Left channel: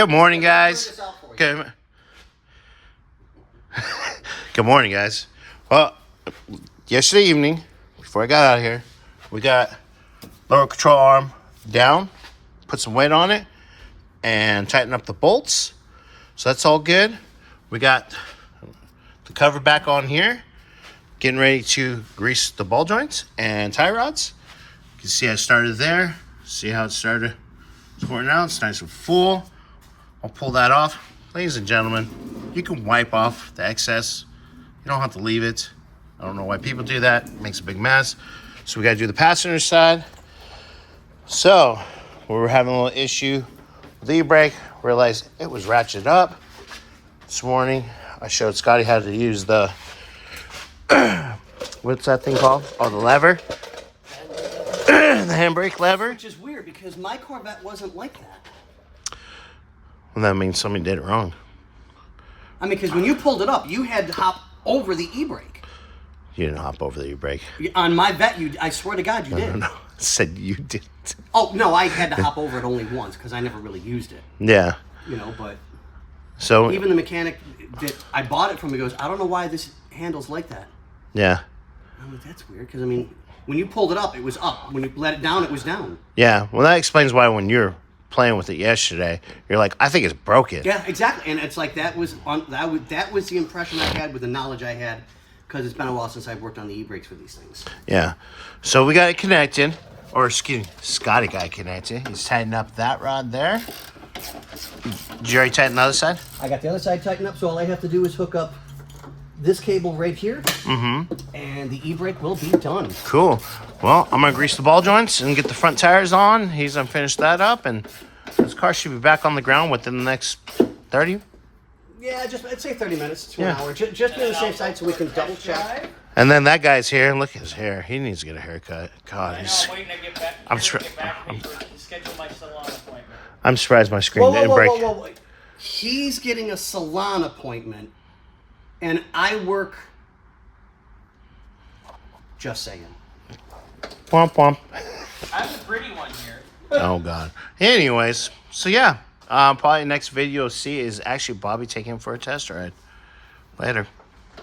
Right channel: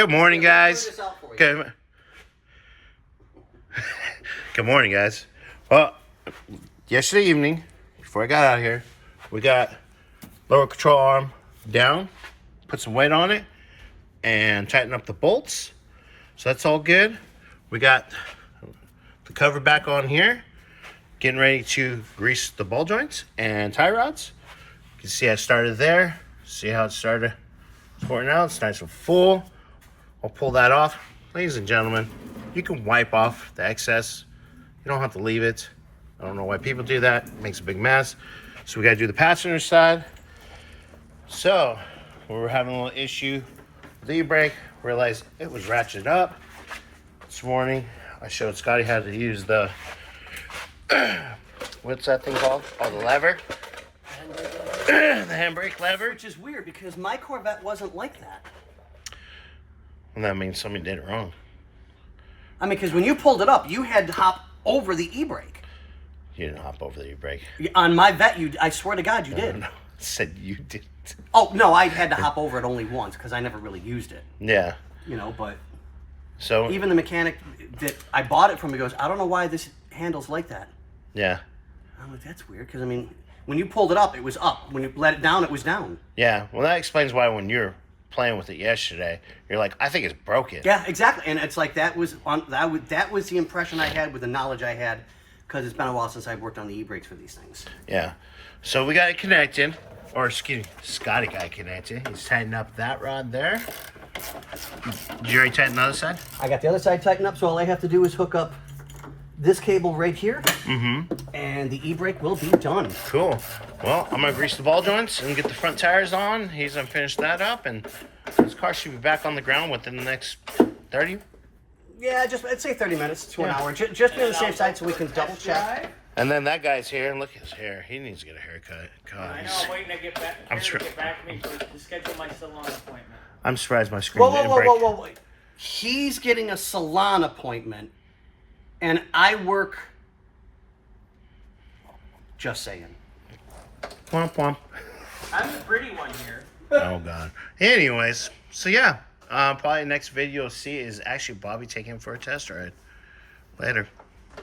Good morning, guys. Good. Good morning, guys. Well, yesterday evening, before I got out here, we got lower control arm down, put some weight on it, and tighten up the bolts. So that's all good. We got the cover back on here, getting ready to grease the ball joints and tie rods. You can see I started there. See how it started squirting out. It's nice and full. I'll pull that off. Ladies and gentlemen, you can wipe off the excess. You don't have to leave it. I don't know why people do that. It makes a big mess. So we got to do the passenger side. So we were having a little issue with the e-brake. Realized it was ratcheted up. This morning, I showed Scotty how to use the, what's that thing called? Oh, the lever. The handbrake lever. Which is weird because my Corvette wasn't like that. Well, that means somebody did it wrong. I mean, because when you pulled it up, you had to hop over the e-brake. You didn't hop over the e-brake. On my Vette, I swear to God, you did. No, I said you didn't. Oh, no, I had to hop over it only once because I never really used it. Yeah. You know, but so even the mechanic that I bought it from, he goes, I don't know why this handle's like that. Yeah. I'm like, that's weird because, I mean, when you pulled it up, it was up. When you let it down, it was down. Yeah. Well, that explains why when you're playing with it yesterday, you're like, I think it's broken. Yeah, exactly. And it's like that was the impression I had with the knowledge I had because it's been a while since I've worked on the e-brakes for these things. Yeah. So we got it connected, or excuse me, Scotty got it connected. He's tightening up that rod there. Did you already tighten the other side? I got the other side tightened up, so all I have to do is hook up this cable right here, and the e-brake will be done. Cool. Well, I'm gonna grease the ball joints and get the front tires on. He's gonna finish that up, and this car should be back on the ground within the next 30. Yeah, I'd say 30 minutes to an hour. Just be on the safe side so we can double check. And then that guy's here, and look at his hair. He needs to get a haircut. God, waiting to get back. Schedule my salon appointment. I'm surprised my screen didn't break. Whoa. He's getting a salon appointment, and I work. Just saying. Womp womp. I'm the pretty one here. Oh God. Anyways, so yeah, probably next video you'll see is actually Bobby taking him for a test ride. Later.